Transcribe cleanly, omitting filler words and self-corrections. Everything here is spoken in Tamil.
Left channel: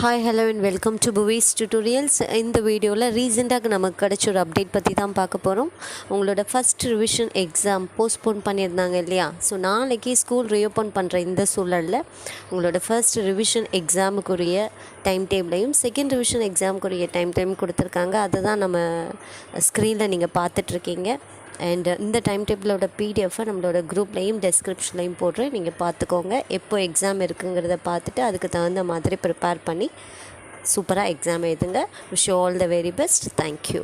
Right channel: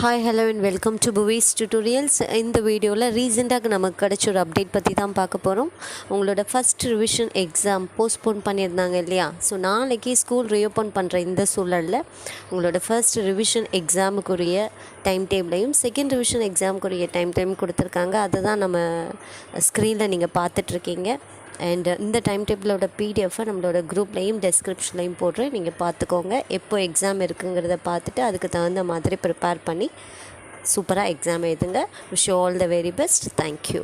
Hi hello and welcome to புவிஸ் tutorials. இந்த வீடியோவில் ரீசெண்டாக நமக்கு கிடச்ச ஒரு அப்டேட் பற்றி தான் பார்க்க போகிறோம். உங்களோட ஃபஸ்ட் ரிவிஷன் எக்ஸாம் போஸ்ட்போன் பண்ணியிருந்தாங்க இல்லையா? ஸோ நாளைக்கு ஸ்கூல் ரீஓப்பன் பண்ணுற இந்த சூழலில் உங்களோட ஃபஸ்ட் ரிவிஷன் எக்ஸாமுக்குரிய டைம் டேபிளையும் செகண்ட் ரிவிஷன் எக்ஸாமுக்குரிய டைம் கொடுத்துருக்காங்க. அதை தான் நம்ம ஸ்க்ரீனில் நீங்கள் பார்த்துட்ருக்கீங்க. அண்ட் இந்த டைம் டேபிளோட பிடிஎஃபை நம்மளோட குரூப்லேயும் டெஸ்கிரிப்ஷன்லையும் போடுறேன், நீங்கள் பார்த்துக்கோங்க. எப்போ எக்ஸாம் இருக்குங்கிறத பார்த்துட்டு அதுக்கு தகுந்த மாதிரி ப்ரிப்பேர் பண்ணி சூப்பராக எக்ஸாம் எழுதுங்க. Wish you all the very best. Thank you.